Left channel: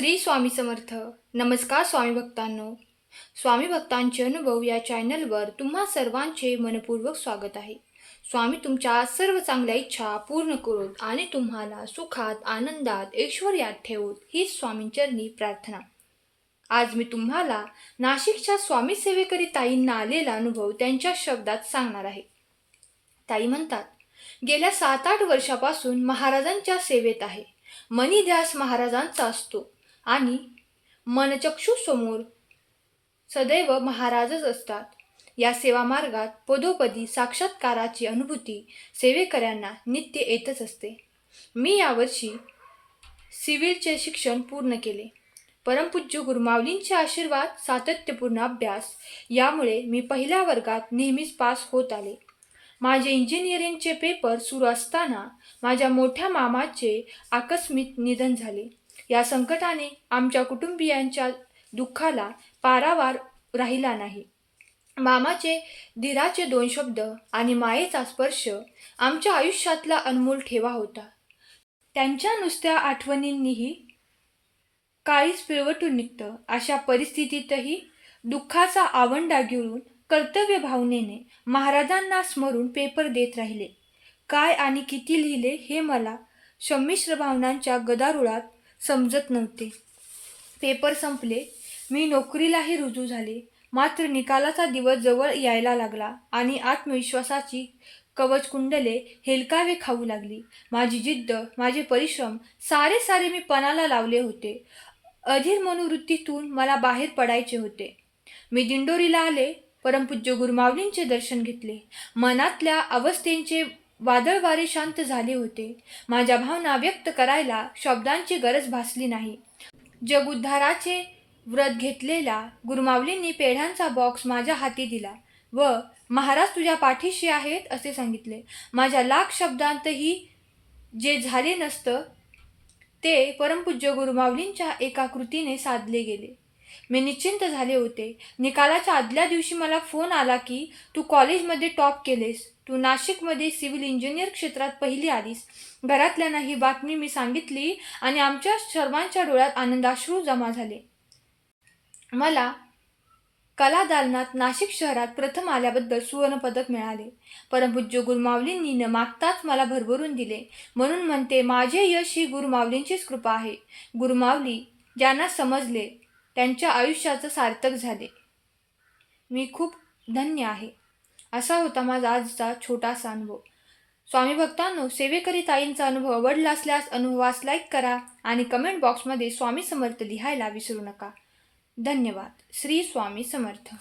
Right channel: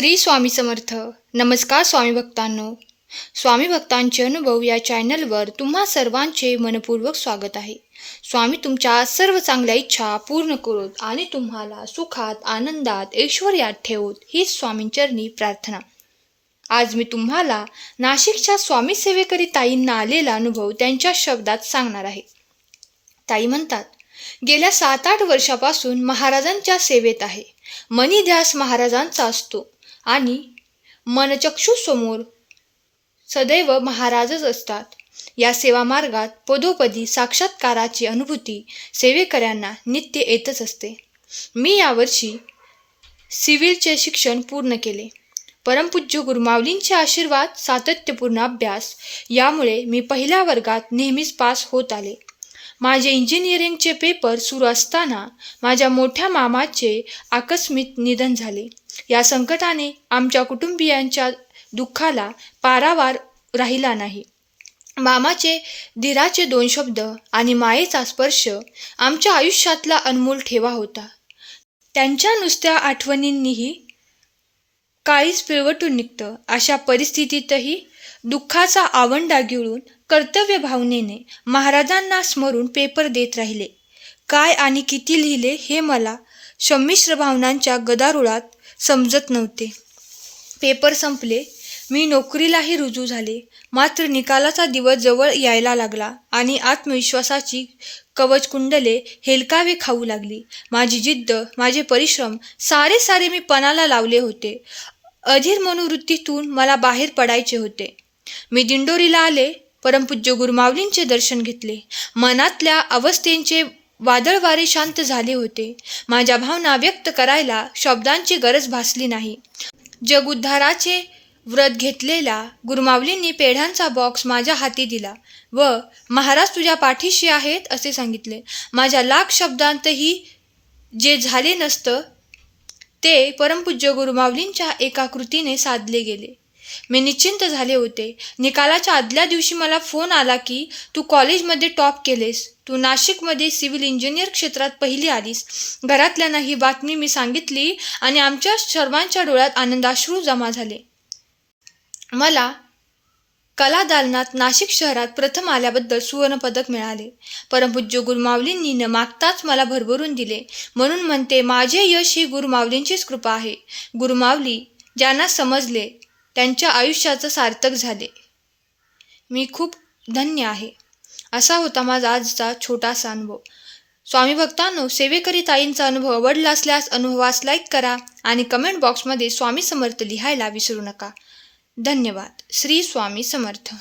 श्री स्वामी समर्थ. नमस्कार स्वामी भक्तांनो. स्वामी भक्तांचे अनुभव या चॅनलवर तुम्हा सर्वांचे मनपूर्वक स्वागत आहे. स्वामी तुमच्या सर्व चांगल्या इच्छा पूर्ण करोत आणि तुम्हाला सुखात आनंदात ऐश्वर्यात ठेवोत हीच स्वामींचरणी प्रार्थना. आज मी तुम्हाला नाशिकच्या स्वामी सेवेकरी ताईंना आलेला अनुभव त्यांच्या शब्दात सांगणार आहे. ताई म्हणतात गेल्या सात आठ वर्षापासून महाराजांच्या सेवेत आहे. मनी ध्यास महाराजांचा असतो. आणि मनचक्षुसमोर सदैव महाराजच असतात. या सेवा मार्गात पदोपदी साक्षात्काराची अनुभूती सेवेकऱ्यांना नित्य येतच असते. मी यावर्षी सिव्हिलचे शिक्षण पूर्ण केले. परमपूज्य गुरुमावलींचे आशीर्वाद सातत्यपूर्ण अभ्यास यामुळे मी पहिल्या वर्गात नेहमीच पास होत आले. माझे इंजिनिअरिंगचे पेपर सुरू असताना माझ्या मोठ्या मामाचे आकस्मिक निधन झाले. या संकटाने आमच्या कुटुंबियांच्या दुःखाला पारावार राहिला नाही. मामाचे दिराचे दोन शब्द आणि मायेचा स्पर्श आमच्या आयुष्यातला अनमोल ठेवा होता. त्यांच्या नुसत्या आठवणींनीही काळीच पिळवटून निघतं. अशा परिस्थितीतही दुःखाचा आवंडा गिळून कर्तव्य भावनेने महाराजांना स्मरून पेपर देत राहिले. काय आणि किती लिहिले हे मला संमिश्र भावनांच्या गदारुळात समजत नव्हते. पेपर संपले. मी नोकरीलाही रुजू झाले. मात्र निकालाचा दिवस जवळ यायला लागला आणि आत्मविश्वासाची कवचकुंडले हेलकावे खाऊ लागली. माझी जिद्द माझे परिश्रम सारे सारे मी पणाला लावले होते. अधीर मनोवृत्तीतून मला बाहेर पडायचे होते. मी दिंडोरीला आले. परमपूज्य गुरुमावलींचे दर्शन घेतले. मनातल्या अवस्थेंचे वादळवारे शांत झाले होते. माझ्या भावना व्यक्त करायला शब्दांची गरज भासली नाही. जगउद्धाराचे व्रत घेतलेल्या गुरुमावलींनी पेढ्यांचा बॉक्स माझ्या हाती दिला. व महाराज तुझ्या पाठीशी आहेत असे सांगितले. माझ्या लाख शब्दांतही जे झाले नसतं ते परमपूज्य गुरुमावलींच्या एका कृतीने साधले गेले. मी निश्चिंत झाले होते. निकालाच्या आदल्या दिवशी मला फोन आला की तू कॉलेजमध्ये टॉप केलेस. तू नाशिकमध्ये सिव्हिल इंजिनियर क्षेत्रात पहिली आलीस. घरातल्यांना ही बातमी मी सांगितली आणि आमच्या सर्वांच्या डोळ्यात आनंदाश्रू जमा झाले. मला कला दालनात नाशिक शहरात प्रथम आल्याबद्दल सुवर्णपदक मिळाले. परमपूज्य गुरुमावलींनी न मागताच मला भरभरून दिले. म्हणून म्हणते माझे यश ही गुरुमावलींचीच कृपा आहे. गुरुमावली ज्यांना समजले त्यांच्या आयुष्याचं सार्थक झाले. मी खूप धन्य आहे. असा होता माझा आजचा छोटासा अनुभव. स्वामी भक्तांनो सेवेकरी ताईंचा अनुभव आवडला असल्यास अनुभवास लाईक करा आणि कमेंट बॉक्समध्ये स्वामी समर्थ लिहायला विसरू नका. धन्यवाद. श्री स्वामी समर्थ.